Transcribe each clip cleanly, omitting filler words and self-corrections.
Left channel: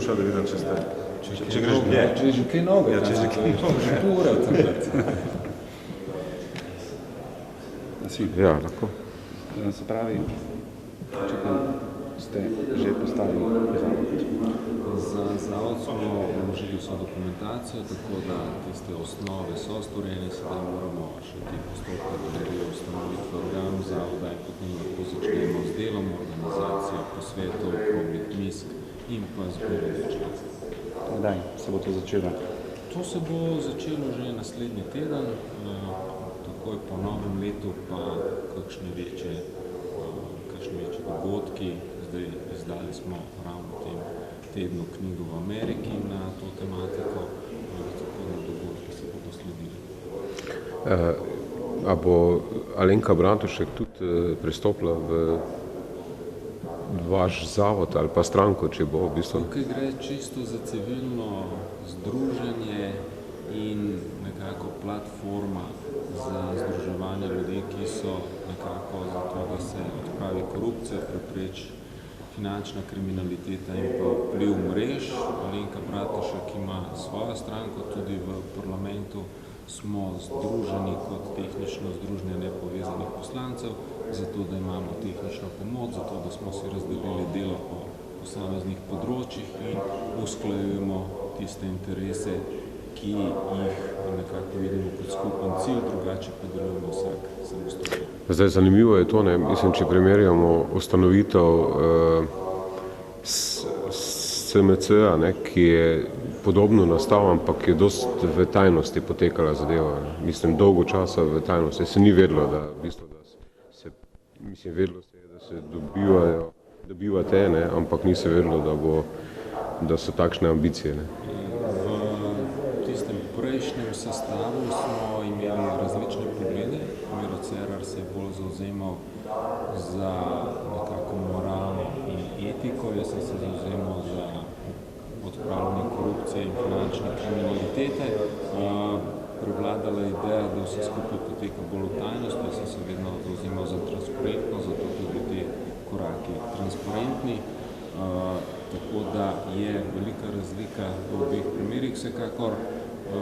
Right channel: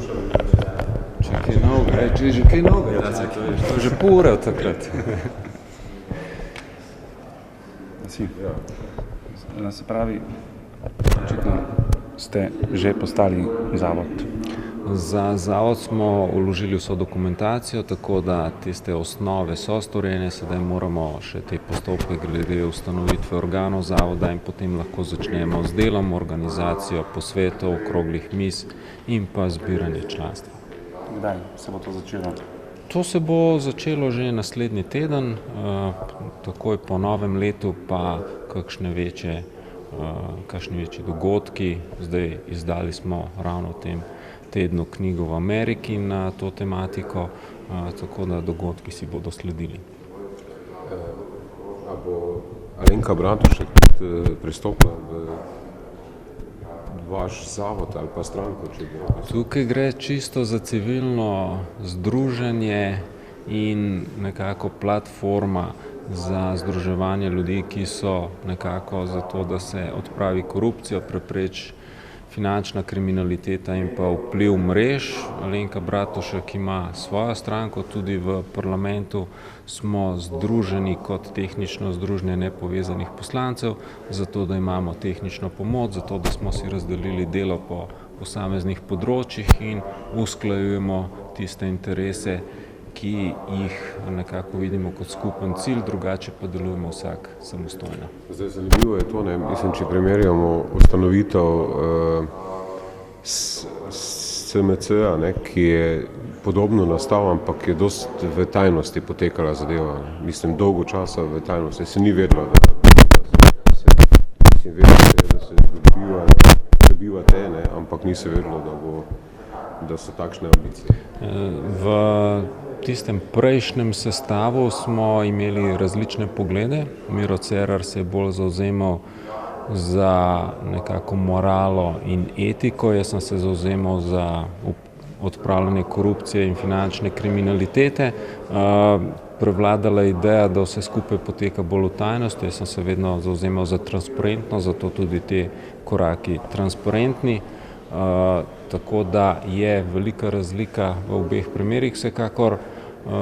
poslušali videti, če ste. Če je že kaj novega, že pol ura takrat. Ja, lahko. Se pravi, ste že postali zavod? Za zavod smo vložili vso dokumentacijo, tako da tiste osnove so storjene, sedaj moramo še te postopke glede ustanovitve organov zavoda in potem lahko začnemo z delom, organizacijo posvetov, okroglih miz in pa zbiranje članstva. Kdaj se bo to začelo? To se bo začelo že naslednji teden, takoj po novem letu pa kakšne večje dogodki. Zdaj izdali smo ravno v tem tednu knjigo v Ameriki na to tematiko, tako da dogodki si bodo sledili. A bo Alenka Bratušek tudi pristopila v vaš zavod ali pa stranko, če bo v bistvu? Tukaj gre čisto za civilno združenje in nekako platforma za združevanje ljudi, ki so nekako za to, da se odpravi korupcijo, prepreči finančna kriminaliteta in pa vpliv mrež. Alenka Bratušek ima svojo stranko, tudi v parlamentu smo združeni kot tehnično združenje nepovezanih poslancev, zato da imamo tehnično pomoč, zato da smo si razdelili delo po posameznih področjih in usklajujemo tiste interese, ki jih nekako vidimo kot skupen cilj, drugače pa delujemo vsak samostojno. Zdaj, zanimivo je to, mislim, če primerjamo ustanovitev SMC-a, ki je podobno nastal, ampak je dost v tajnosti potekala zadeva. Mislim, dolgo časa v tajnosti. Se ni vedelo, da se dobivate, ampak ni se vedelo, da so takšne ambicije. V tistem prejšnjem sestavu smo imeli različne poglede. Miro Cerar se je bolj zavzemal za nekako moralo in etiko, jaz sem se zavzemal za odpravljanje korupcije in finančne kriminalitete. Prevladala je ideja, da vse skupaj poteka bolj v tajnosti, jaz sem se vedno zavzemal za transparentnost, zato tudi te koraki transparentni. Tako da je velika razlika v obeh primerih, vsekakor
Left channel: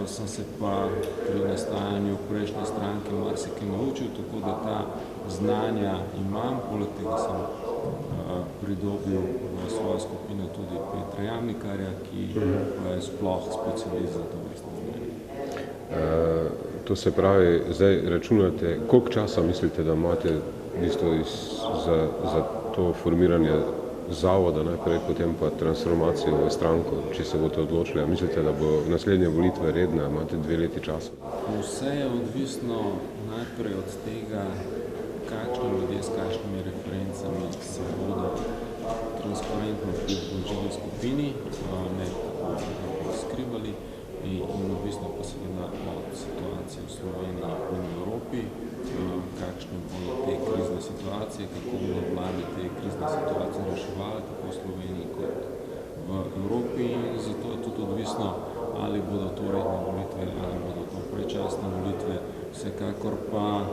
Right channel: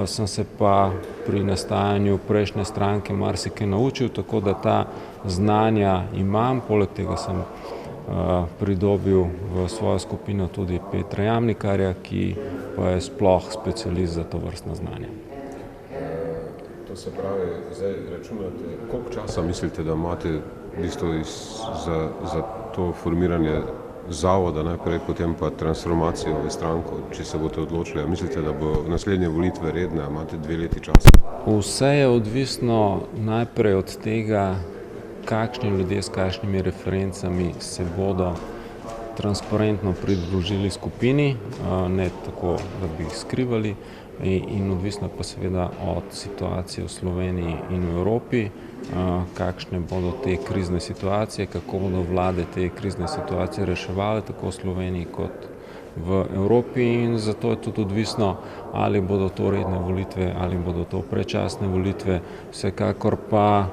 sem se pa pri nastajanju prejšnje stranke marsikaj naučil, tako da ta znanja imam, poleg tega sem pridobil v svojo skupino tudi Petra Jamnikarja, ki pa je sploh specialist za to vrstno znanje. To se pravi, zdaj računate, koliko časa mislite, da imate v bistvu za to formiranje zavoda, najprej potem pa transformacijo v stranko, če se boste odločili? Mislite, da bo naslednje volitve redne, imate 2 leti časa? Vse je odvisno najprej od tega, kakšni ljudje s kakšnimi referencami se bodo transparentno pridružili skupini, ne tako, da bi jih skrivali, in odvisno pa seveda od situacije v Sloveniji in v Evropi, kakšne bodo te krizne situacije, kako bodo vlade te krizne situacije reševale, tako v Sloveniji kot v Evropi, in zato je tudi odvisno, ali bodo to redne volitve, ali bodo to predčasne volitve. Vsekakor pa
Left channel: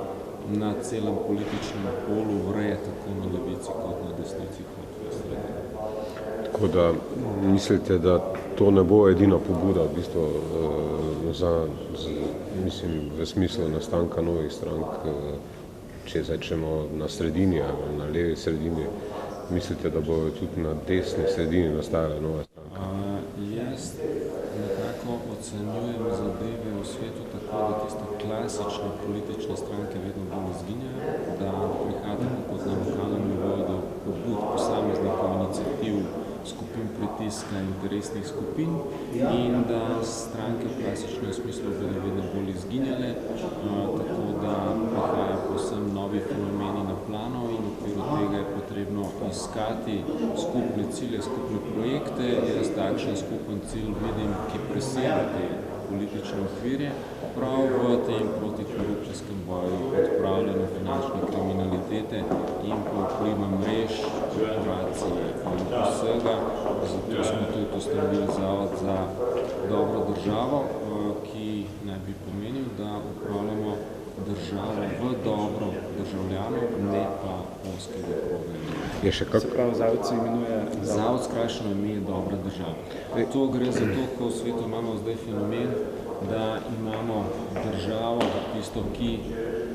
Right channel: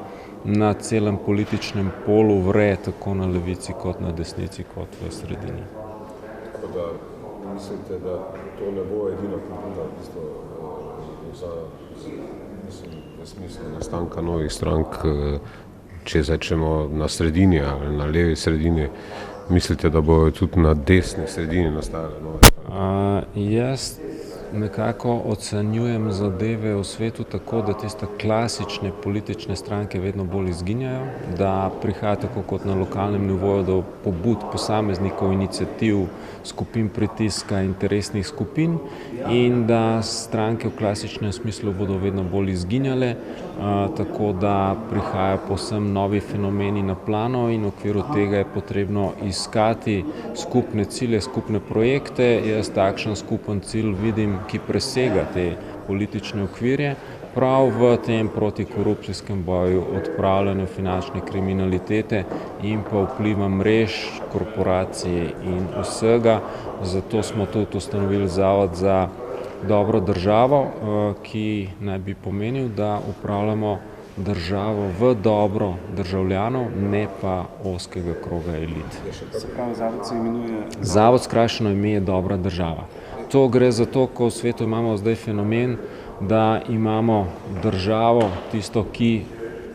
na celem političnem polu vre tako na levici kot na desnici kot v sredini. Tako da mislite, da to ne bo edina pobuda v bistvu v smislu nastanka novih strank, če začnemo na sredini ali na levi sredini, mislite, da bojo tudi na desni sredini nastajale nove stranke? Jaz nekako ocenjujem zadeve v svetu tako, da tiste klasične politične stranke vedno bolj izginjajo, da prihaja tako kot na lokalnem nivoju do pobud posameznikov, iniciativ, skupin pritiska, interesnih skupin, in da stranke v klasičnem smislu bodo vedno bolj izginjale, tako da prihaja povsem novi fenomeni na plano, in v okviru tega je potrebno iskati skupne cilje, skupne projekte. Jaz takšen skupen cilj vidim, ki presega te politične okvirje, prav v tem protikorupcijskem boju, odpravljanju finančne kriminalitete in pa vpliva mrež, korporacij in vsega. Zato smo tudi ustanovili Zavod za dobro državo, ki naj bi pomenil, da upravljamo državo v dobro državljanov, ne pa ozkega kroga elit. Je še Se pravi, zavod se imenuje... Zavod skrajšano ime je dobra država. To gre za to, ko v svetu imamo zdaj fenomen, da imamo državo, tisto, ki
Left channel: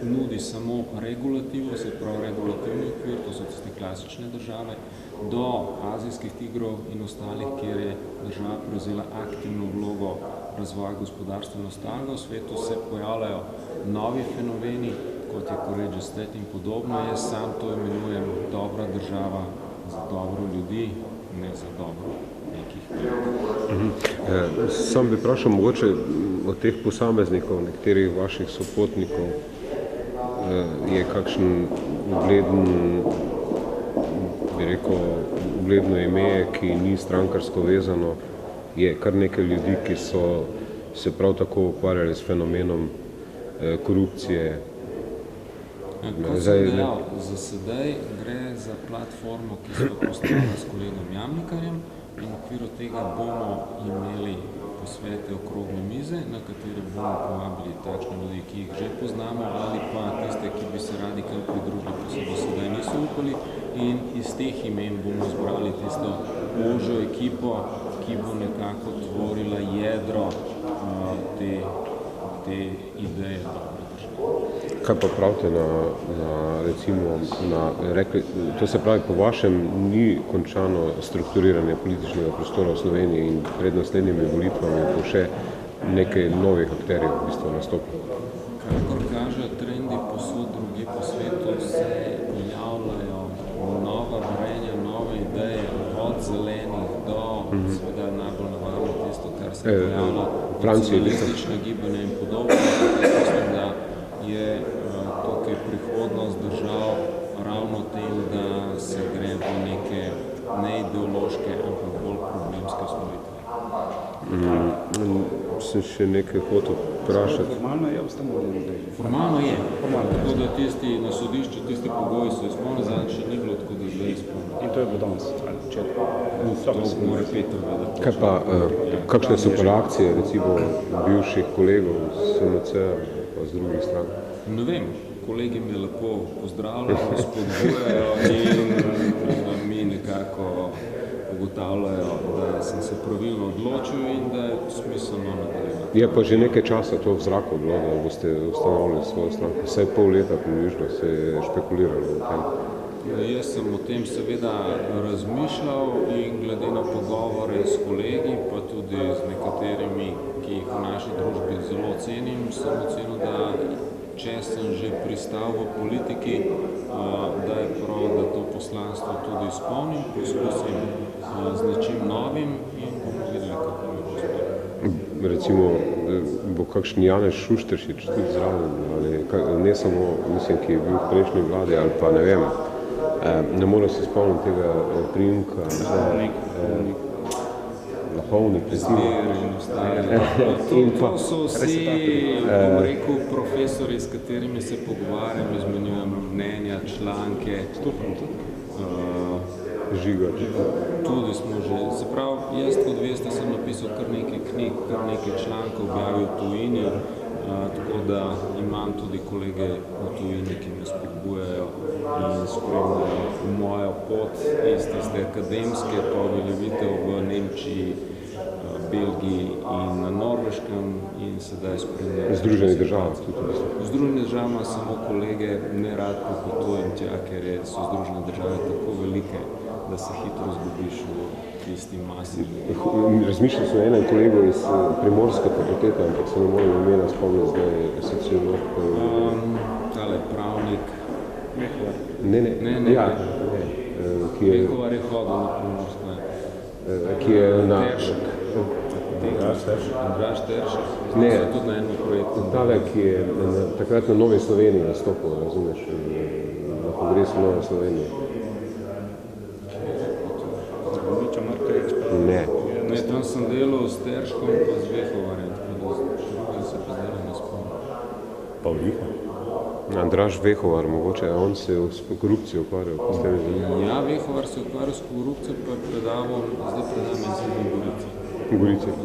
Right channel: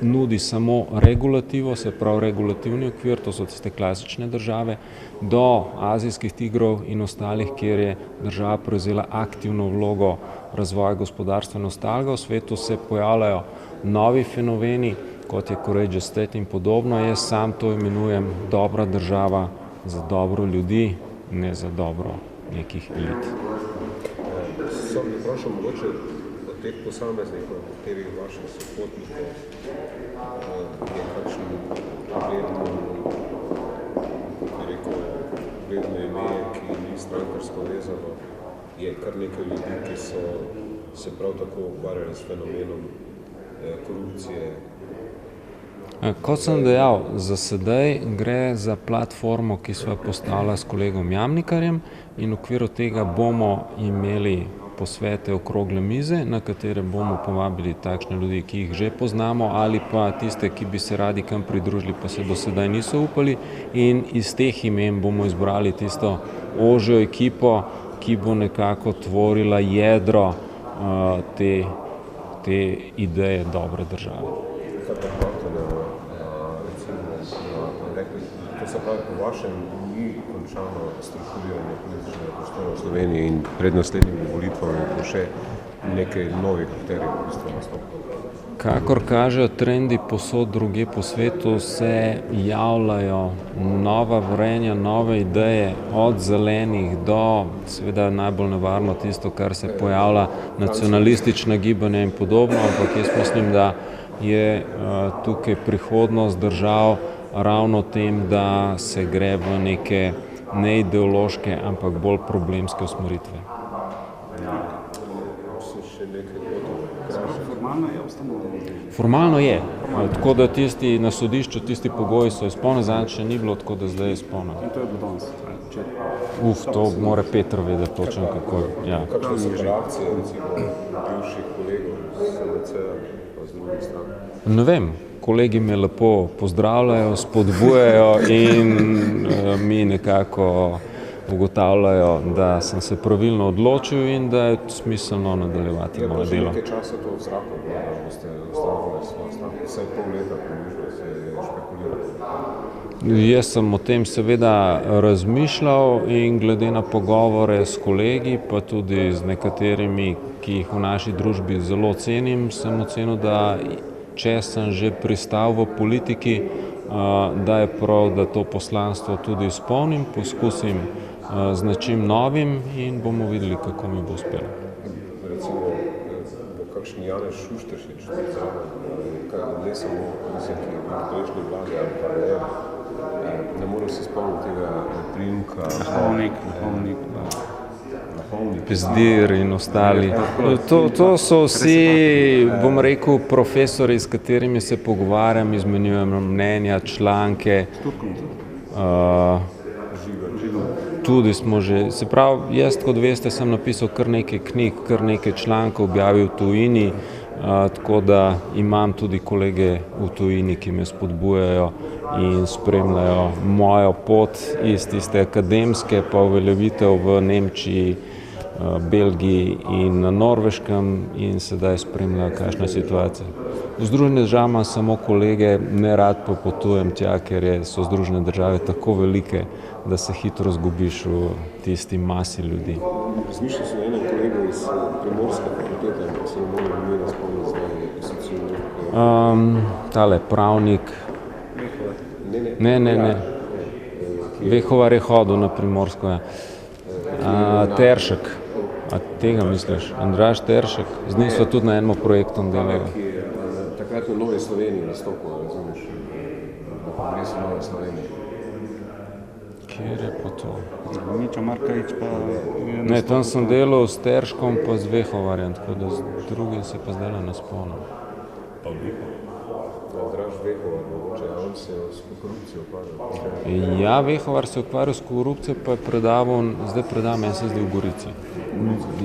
nudi samo regulativo, se pravi regulativni okvir, to so tiste klasične države, do azijskih tigrov in ostalih, kjer je država prevzela aktivno vlogo razvoja gospodarstva in ostalega. V svetu se pojavljajo novi fenomeni, kot je Courageous State in podobno. Jaz sam to imenujem dobra država za dobro ljudi, ne za dobro nekih elit. Sam bi vprašal mogoče od teh posameznikov, nekaterih vaših sopotnikov, je kakšen ugleden, bi rekel, ugledno ime, ki ni strankarsko vezano, je kar nekaj ljudi, ki so se prav tako ukvarjali s fenomenom korupcije. Kot sem dejal, za sedaj gre za platformo, ki so jo postavila s kolegom Jamnikarjem, in v okviru tega bomo imeli posvete okrogle mize, na katere bomo povabili takšne ljudi, ki jih že poznamo, ali pa tiste, ki bi se radi kam pridružili, pa se do sedaj niso upali, in iz teh imen bomo izbrali tisto ožjo ekipo, ki bo nekako tvorila jedro te ideje dobre države. Kaj pa pravite rekli, to se pravi, po vašem ni končano strukturiranje političnega prostora v Sloveniji in pred naslednjimi volitvami bo še nekaj novih akterjev v bistvu nastopilo? Kakor kažejo trendi posod druge po svetu, se javljajo nova vrenja, nove ideje, od zelenih do, seveda najbolj nevarno tisto, kar se pojavlja, nacionalistična gibanja in podobno, ampak jaz mislim, da je tukaj prihodnost držav ravno tem, da se gre v neke neideološke, ampak bolj problemske usmeritve. Sem še nekaj hotel vprašati. Formalno je ustanovljeno. Formalno je. Tako da tisti na sodišču, tisti pogoji so izpolnjeni, zadnjič še ni bilo, tako da zdaj je izpolnjeno. In to je bilo danes? To mora Petr vedeti točno. Kakšne so pa reakcije, recimo, bivših kolegov z SMC-a pa z druge strani? Ne vem, kolegi me lepo pozdravljajo, spodbujajo in mi nekako ugotavljajo, da sem se pravilno odločil in da je smiselno nadaljevati. Je pa že nekaj časa to v zraku bilo, da boste ustanovili svojo stranko. Vsaj pol leta približno se je špekuliralo o tem. Jaz sem o tem seveda razmišljal in glede na pogovore s kolegi, pa tudi z nekaterimi, ki jih v naši družbi zelo cenim, sem ocenil, da če sem že pristal v politiki, da je prav, da to poslanstvo tudi izpolnim, poskusim z nečim novim in bomo videli, kako mi bo uspelo. Recimo, bo kakšen Janez Šušteršič tudi zraven, ali ne samo, mislim, ki je bil v prejšnji vladi, ali pa ne vem, ne morem se spomniti tega priimka. Lahovnik. Pezdir in ostali. To so vsi, bom rekel, profesori, s katerimi se pogovarjam, izmenjujem mnenja, članke. Žiga. Tudi smo že, se pravi, jaz, kot veste, sem napisal kar nekaj knjig, kar nekaj člankov, objavil v tujini, tako da imam tudi kolege v tujini, ki me spodbujajo in spremljajo mojo pot iz tiste akademske, pa uveljavitev v Nemčiji, Belgiji in na Norveškem in sedaj spremljajo kakšne situacije. V Združenih državah samo kolege, ne rad pa potujem tja, ker so Združene države tako velike, da se hitro zgubiš v tisti masi ljudi. Razmišljal sem o enem kolegu iz Primorske fakultete, ampak se ne morem imena spomniti, zdaj je sociolog. Tale pravnik. Ne. Vehovar je hodil na Primorsko. Teršek. Tega misliš? Andraž Teršek. Z njim so tudi na enem projektu delali. Ki je takrat na Novi Sloveniji nastopil, razumeš, na kongresu Nove Slovenije. Kjer je pa to? Miča Markovič pa... Ne, tam sem delal s Terškom pa z Vehovarjem, tako da z drugim se pa zdaj ne spomnim. Pavliha? Andraž Vehovar, mogoče, a on se s korupcijo ukvarjal. Ja, Vehovar se ukvarjal s korupcijo, pa je predaval, zdaj predava meni se zdaj v Gorici.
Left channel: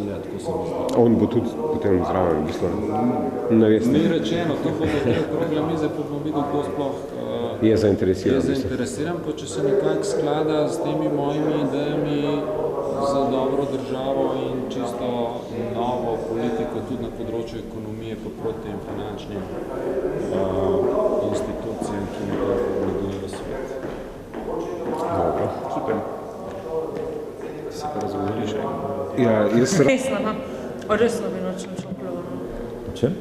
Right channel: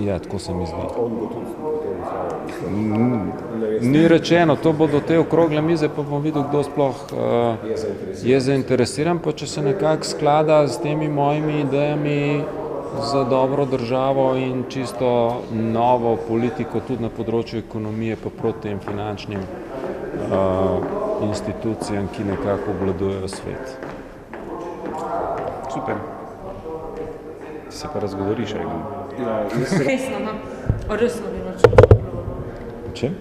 Ja, tako se mi zdi. On bo tudi potem zraven, v bistvu. Ni rečeno, to bo do te okrogle mize, pa bom videl, kdo sploh je zainteresiran. Pa če se nekako sklada s temi mojimi idejami za dobro državo in čisto novo politiko tudi na področju ekonomije, pa proti tem finančnim institucijam, ki nekako obvladujejo svet. Super. Se pa razgovoriš, Resno bi noče šlo. Čem?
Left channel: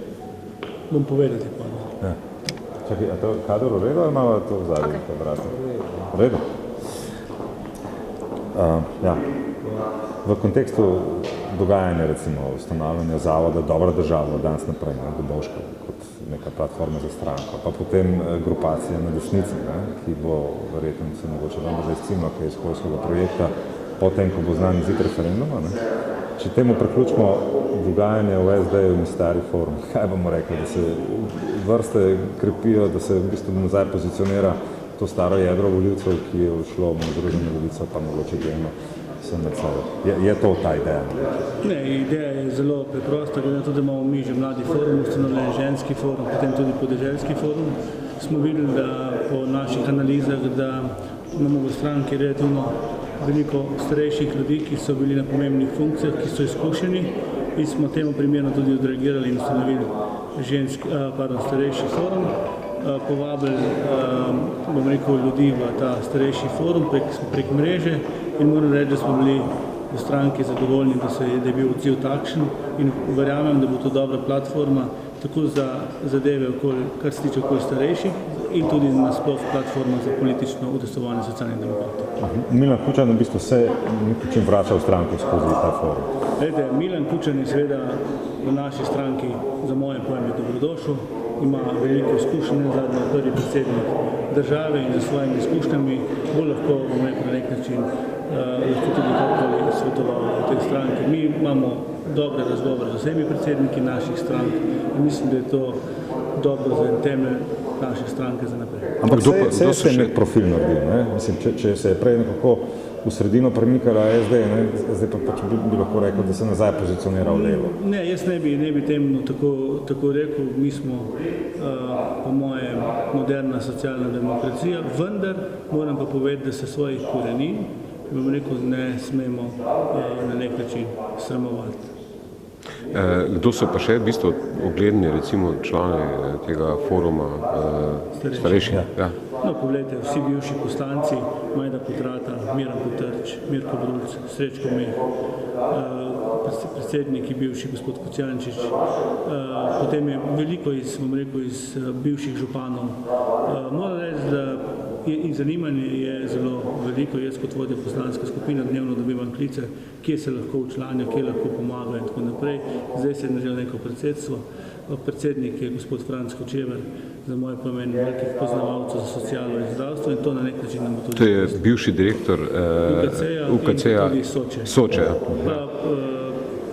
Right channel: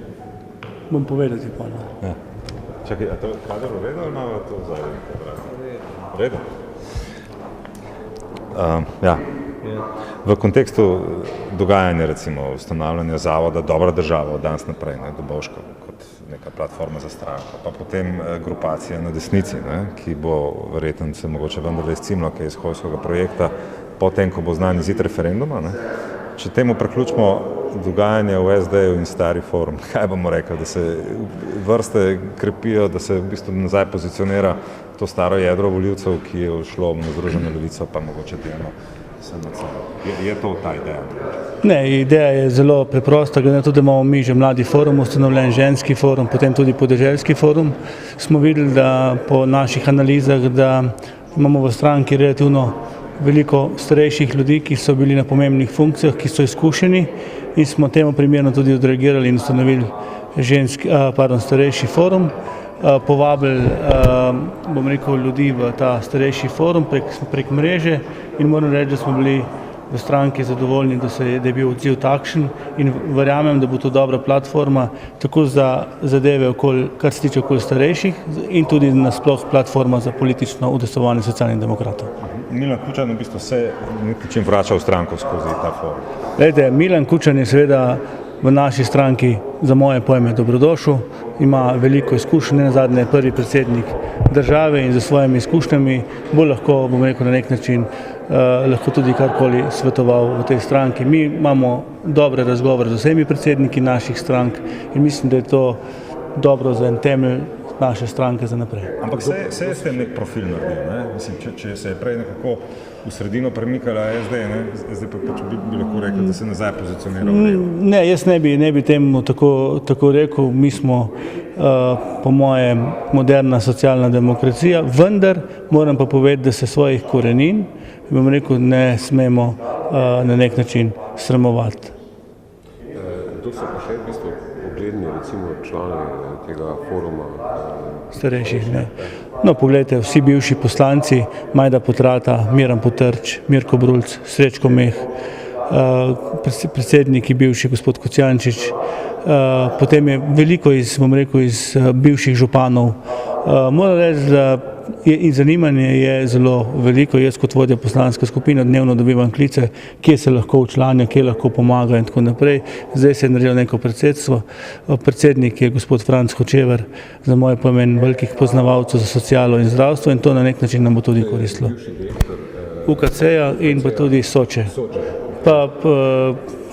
Bom povedati pa. Ja. Čakaj, a to je kader v redu ali imamo to v zadnji kvadratu? V redu? Ja. V kontekstu dogajanja, recimo, ustanavljanja zavoda Dobra država od danes naprej, Dobovška kot neka platforma za stranko, pa potem grupacija na desnici, ki bo verjetno se mogoče vendarle izcimla kaj iz Hojskega projekta, potem, ko bo znan izid referenduma. Če temu priključimo dogajanje v SD-ju in Stari forum, kaj bomo rekli, da se vrste krepijo, da se v bistvu nazaj pozicionira to staro jedro volivcev, ki je šlo na Združeno levico, pa mogoče delno SMC. Je to ta ideja? Ne, ideja je zelo preprosta, glede na to, da imamo mi že mladi forum, ustanovljen ženski forum, potem tudi podeželski forum. Smo videli, da po naših analizah, da imamo v stranki relativno veliko starejših ljudi, ki so bili na pomembnih funkcijah, ki so izkušeni in smo temu primerno tudi odreagirali in ustanovili starejši forum. Povabili ljudi v ta starejši forum prek mreže in moram reči, da smo bili v stranki zadovoljni, da je bil odziv takšen in verjamem, da bo to dobra platforma tako za zadeve, kar se tiče okoli starejših in tudi nasploh platforma za politično udejstvovanje socialnih demokratov. Milan Kučan v bistvu se nekaj vrača v stranko skozi ta forum. Glejte, Milan Kučan je seveda v naši stranki za moje pojme dobrodošel, ima veliko izkušenj, nazadnje je prvi predsednik države in za svojimi izkušnjami bo lahko, bom rekel, na nek način lahko tudi karkoli svetoval v tej stranki. Mi imamo dobre razgovore z vsemi predsedniki naših strank in mislim, da je to dobro za en temelj naše stranke za naprej. Ampak se je s tem nek profil naredil, Mislim, če se je prej nekako v sredino premikala SD, zdaj pa bi lahko rekel, da se nazaj pozicionira v levo. Ne, jaz ne bi temu tako rekel. Mi smo po mojem moderna socialna demokracija, vendar moram pa povedati, da se svojih korenin, bom rekel, ne smemo na nek način sramovati. Kdo so pa še v bistvu ugledni, recimo člani tega foruma starejših? Ja. No, poglejte, vsi bivši poslanci, Majda Potrata, Miran Potrč, Mirko Brulc, Srečko Meh, predsedniki bivši gospod Kocijančič, potem je veliko iz bivših županov. Moram reči, da zanimanje je zelo veliko. Jaz kot vodja poslanske skupine dnevno dobivam klice, kje se lahko včlanijo, kje lahko pomagajo in tako naprej. Zdaj se je naredilo neko predsedstvo. Predsednik je gospod Franc Hočever, za moje pomen velikih poznavalcev za socialo in zdravstvo in to na nek način nam bo tudi koristilo. To je bivši direktor UKC-ja in pa tudi Soče. Pa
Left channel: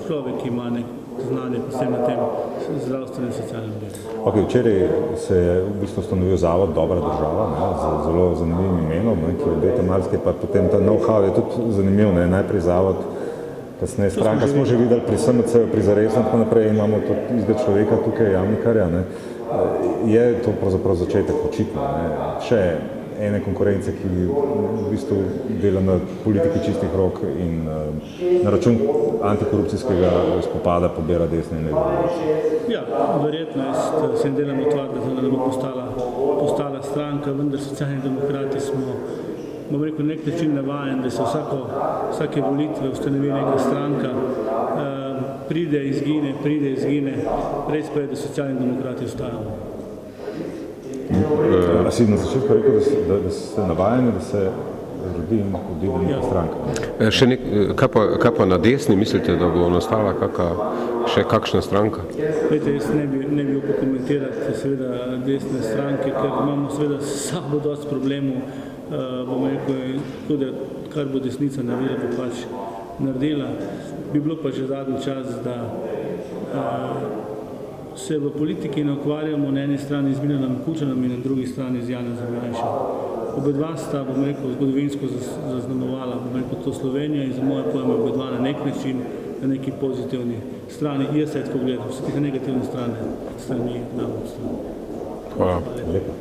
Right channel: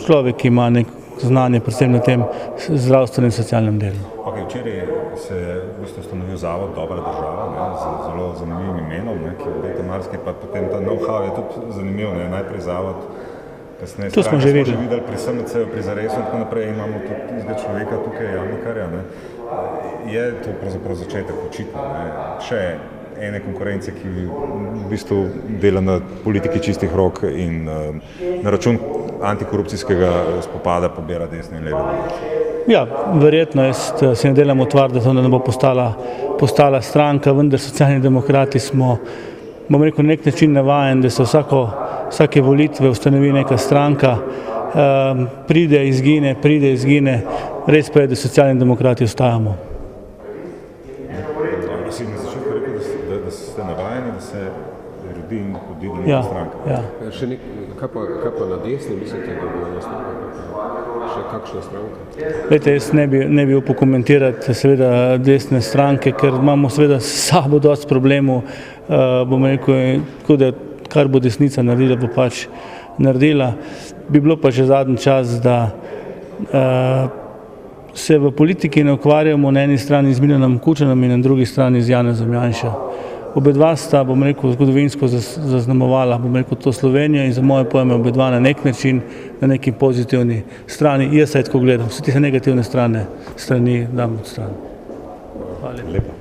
človek, ki ima nek znanje predvsem na tem zdravstvenem in socialnem delu. Včeraj se je v bistvu ustanovil zavod Dobra država, z zelo zanimivim imenom, ki obeta marsikaj, pa potem ta know-how je tudi zanimiv, najprej zavod, kasneje stranka, smo že videli pri SMC-ju, pri Zaresu in tako naprej, imamo tudi človeka tukaj, Jamnikarja, je to pravzaprav začetek očitno, še ene konkurence, ki v bistvu dela na politiki čistih rok in na račun antikorupcijskega spopada pobira desne in leve volivce. Ja, verjetno, jaz se ne delam utvar, da to ne bo postala stranka, vendar Socialni demokrati smo, bom rekel, na nek način navajen, da se vsake volitve ustanovi neka stranka, pride, izgine, res pa je, da Socialni demokrati ostajamo. Si na začetku rekel, da ste navajeni, da se rodi in odide neka stranka. Kaj pa na desni mislite, da bo nastala še kakšna stranka? Glejte, jaz ne bi upal komentirati seveda desne stranke, ker imamo seveda s sabo dosti problemov, bom rekel, da kar bo desnica naredila, bo pač naredila. Bi bilo pa že zadnji čas, da se v politiki ne ukvarjamo na eni strani z Milanom Kučanom in na drugi strani z Janezom Janšo. Obedva sta, bom rekel, zgodovinsko zaznamovala, bom rekel, to Slovenijo in za moje pojme obedva na nek način, na neki pozitivni strani. Jaz se tako gledam, vse te negativne strani dam od strani. Hvala. Lepo.